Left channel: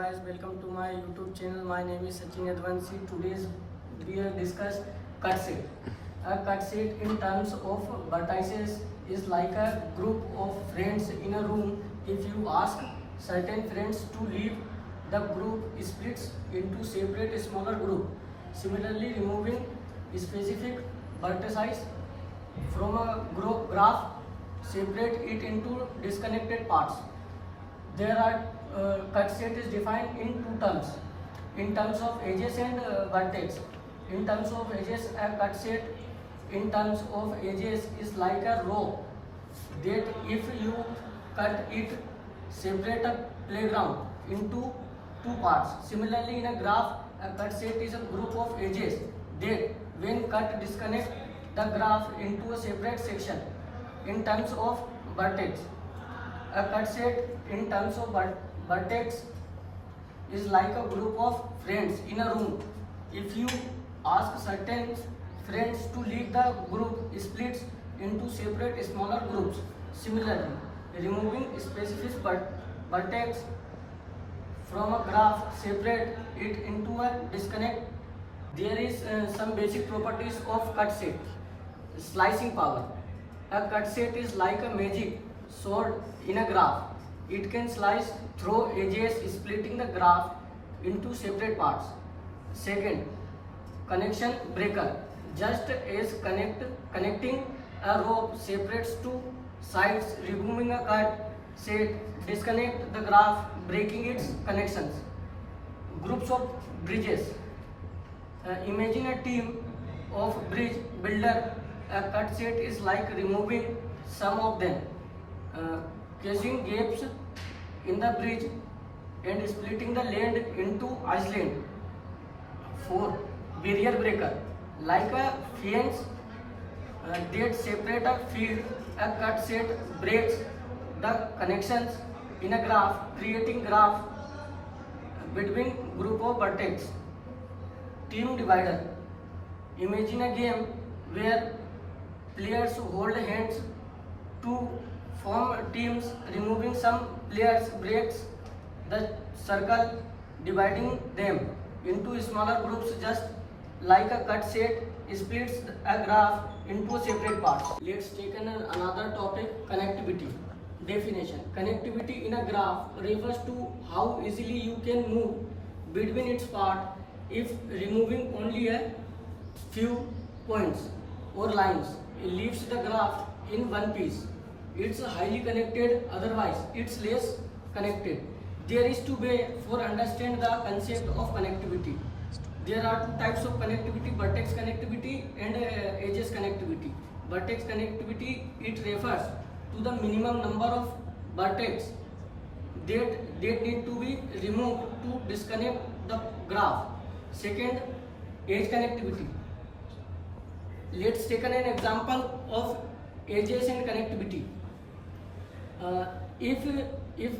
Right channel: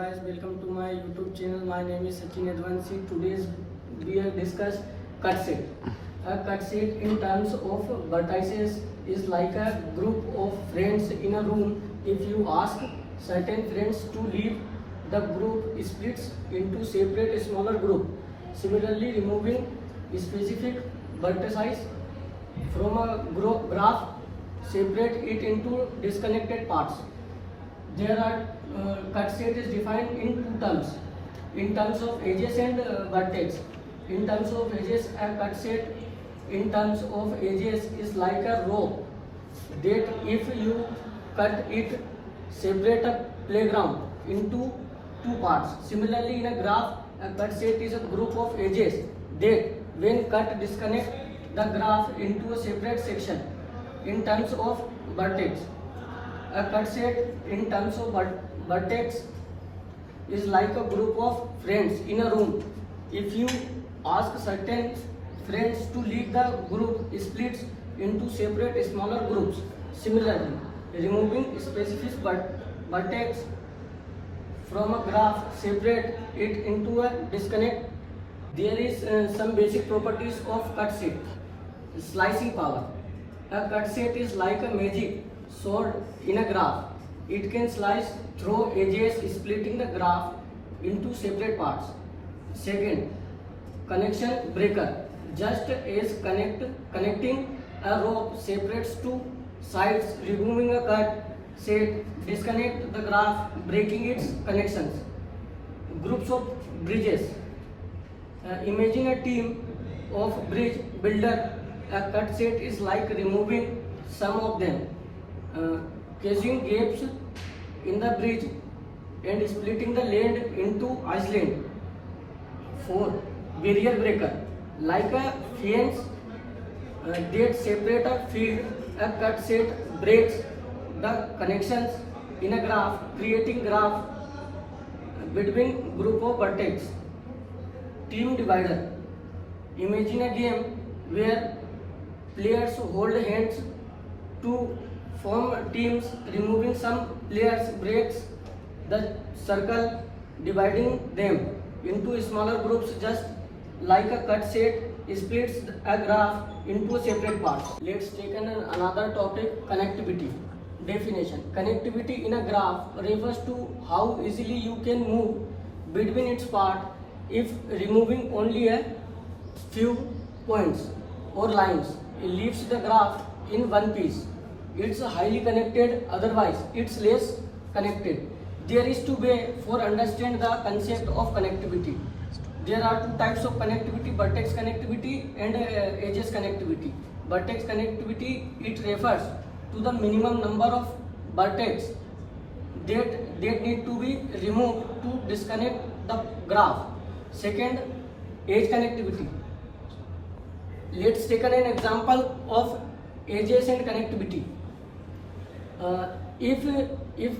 Guys, welcome to my YouTube channel. My name is Sachin Advansi. Today we have discussed cut set. A cut set in terms of vertices is like a group of friends in a room. If you ask certain friends to leave, the group splits into separate smaller group. Similarly, removing specific vertices from a graph separate it into disconnected parts. There are cut set is defined in two terms. In terms of edges and vertex. In terms of edges, a cut set in terms of edges is like a row that if you cut it, separate a playground into two parts. Similarly, in a graph, a cut set is a group of edges that when cut disconnect the graph into a separate section. In terms of vertex, a cut set in terms of vertex is like a group of friends in a room. If you ask certain friends to leave the group, splits into separate smaller groups. Similarly, removing specific vertex from a graph, separate it into a disconnect. There is some basic properties of cut set. Slicing power. A cut set is like a magic sword in a graph. It can slice through edges, splitting the graph into separate parts. Second, connection breaker. Just as connecting a rope separates two sides, removing a cut set disconnect the graph, breaking its connections. Groups of bridges. Imagine a team of bridge builder. A cut set is like removing some of them, causing gaps in the bridge and splitting the land into islands. 4. Barrier breaker. Like a fence that separate a field, a cut set breaks the connections in a graph, creating graph between group of vertex. Team divider. Imagine a game where players hold hands to form teams. Removing some players breaks the circle, dividing them into smaller groups, just like a cut set splits a graph into separate parts. Let's take another topic, connectivity. Definition. Connectivity in a graph refers to how easily you can move between its parts if removing only a few points or lines. It leaves the graph in one piece. It's highly connected, otherwise it's less connected. There is two ways for understand the concept of connectivity. There are two types of connectivity, vertex connectivity and edges connectivity. Vertex connectivity, it refers to the minimum number of vertex that need to be removed to disconnect the graph. Second, edge connectivity. Let's take an example of edges and connectivity. If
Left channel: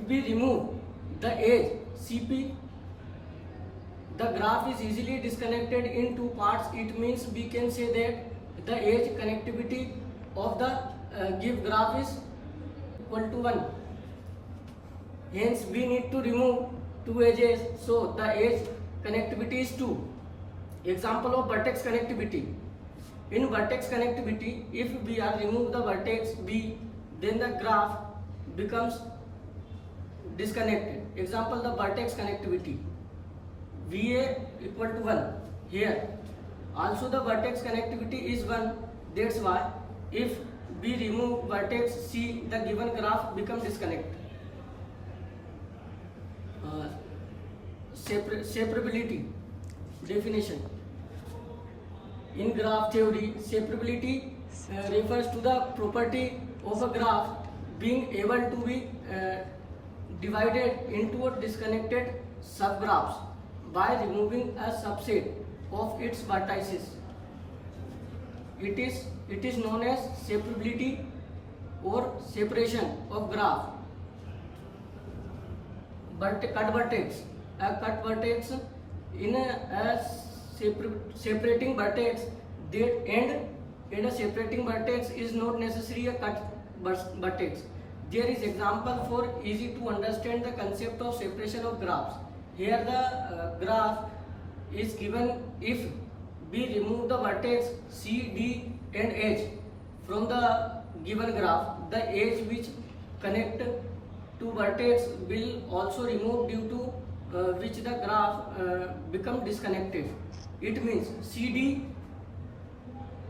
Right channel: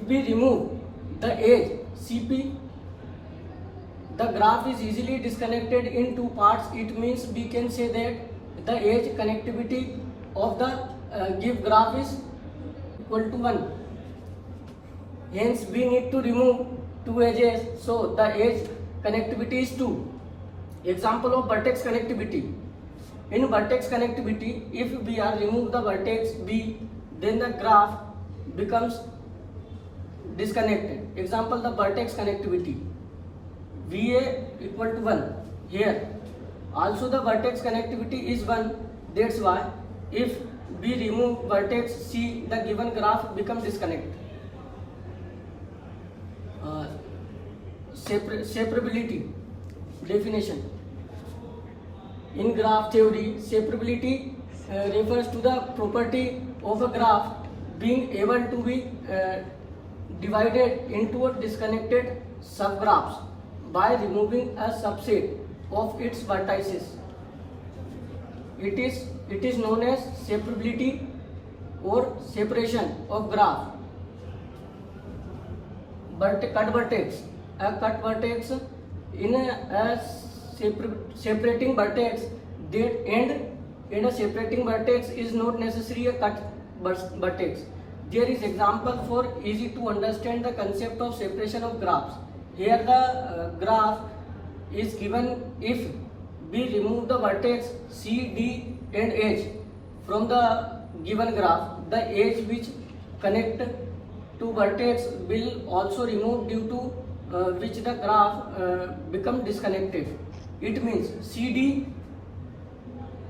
we remove the edge CP, the graph is easily disconnected in two parts. It means we can say that the edge connectivity of the give graph is equal to 1. Hence we need to remove two edges, so the edge connectivity is 2. Example of vertex connectivity. In vertex connectivity, if we are remove the vertex B, then the graph becomes disconnected. Example, the vertex connectivity. VA equal to 1. Here also the vertex connectivity is 1. That's why if we remove vertex C, the given graph becomes disconnected. Separability. Definition. In graph theory, separability refers to the property of a graph being able to be divided into disconnected subgraphs by removing a subset of its vertices. It is known as separability or separation of graph. But cut vertex. A cut vertex in a separating vertex that end in a separating vertex is not necessarily a cut vertex. There is example for easy to understand the concept of separation of graphs. Here the graph is given if we remove the vertex C, D and H from the given graph, the edge which connect to vertex will also remove, due to which the graph become disconnected. It means CD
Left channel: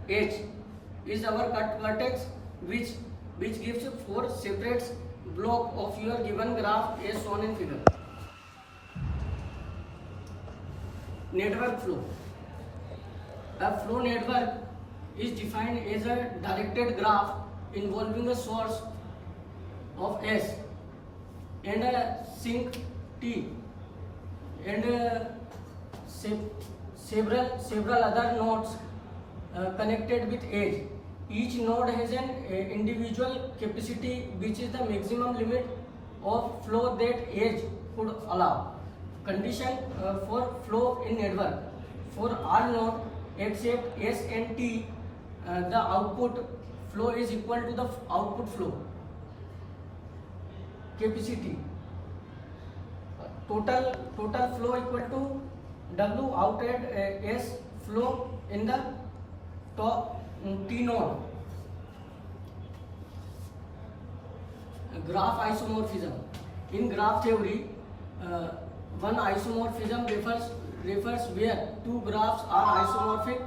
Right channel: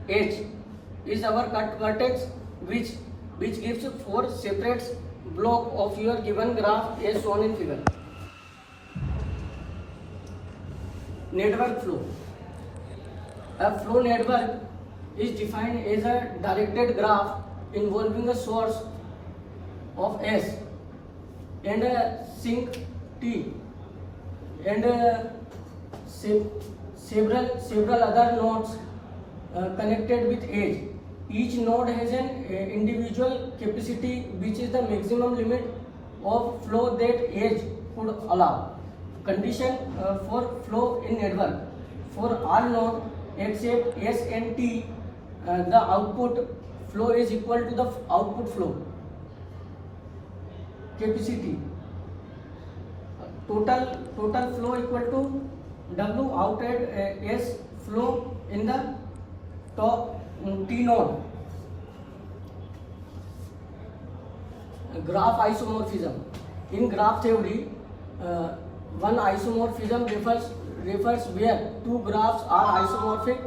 H is our cut vertex which gives 4 separate block of your given graph as shown in figure. Network flow. A flow network is defined as a directed graph involving a source of S and a sink T and several other nodes connected with edge. Each node has an individual capacity which is the maximum limit of flow that edge could allow. Condition for flow in network: for all nodes except S and T, the output flow is equal to the output flow capacity. Total flow equal to W out at S flow in the top T node. Graph isomorphism. In graph theory, one isomorphism refers where two graphs are isomorphic,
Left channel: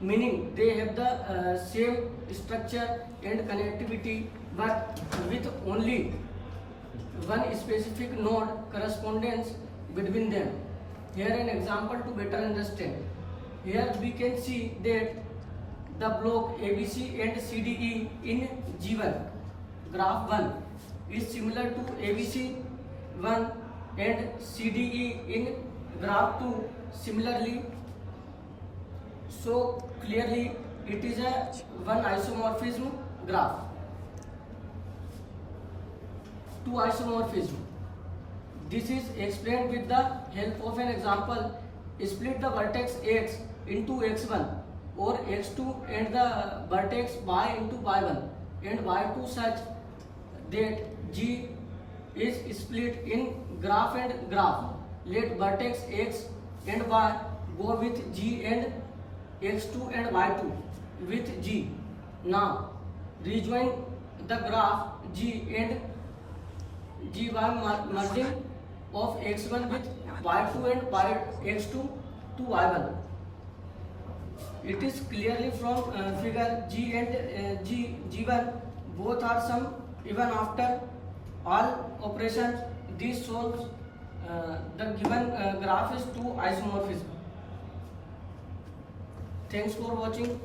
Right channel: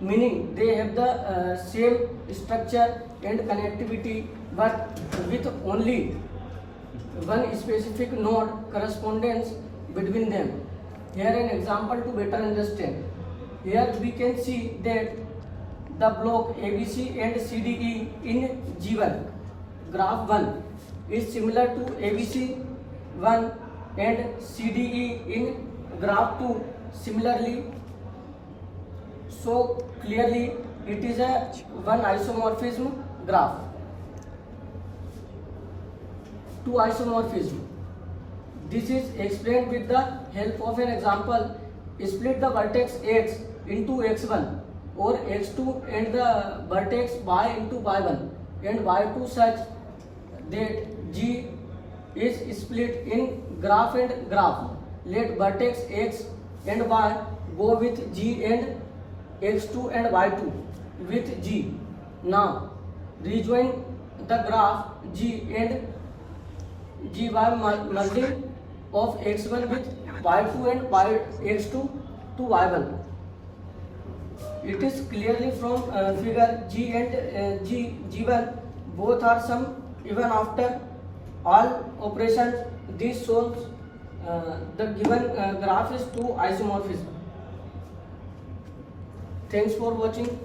meaning they have the same structure and connectivity, but with only one specific node correspondence between them. Here an example to better understand. Here we can see that the block ABC and CDE in G1 graph 1 is similar to ABC 1 and CDE in graph 2 similarly. So clearly it is a one isomorphism graph. Two isomorphism. This is explained with the help of an example. Split the vertex X into X1 or X2 and the vertex Y into Y1 and Y2 such that G is split in graph and graph. Let vertex X and Y go with G and X2 and Y2 with G. Now rejoin the graph G and GY merging of X1 with Y2 and X2 to Y1. It is clearly from figure G and G1 both are sum even after all operations. This shows the given graph is two isomorphism. Thanks for watching.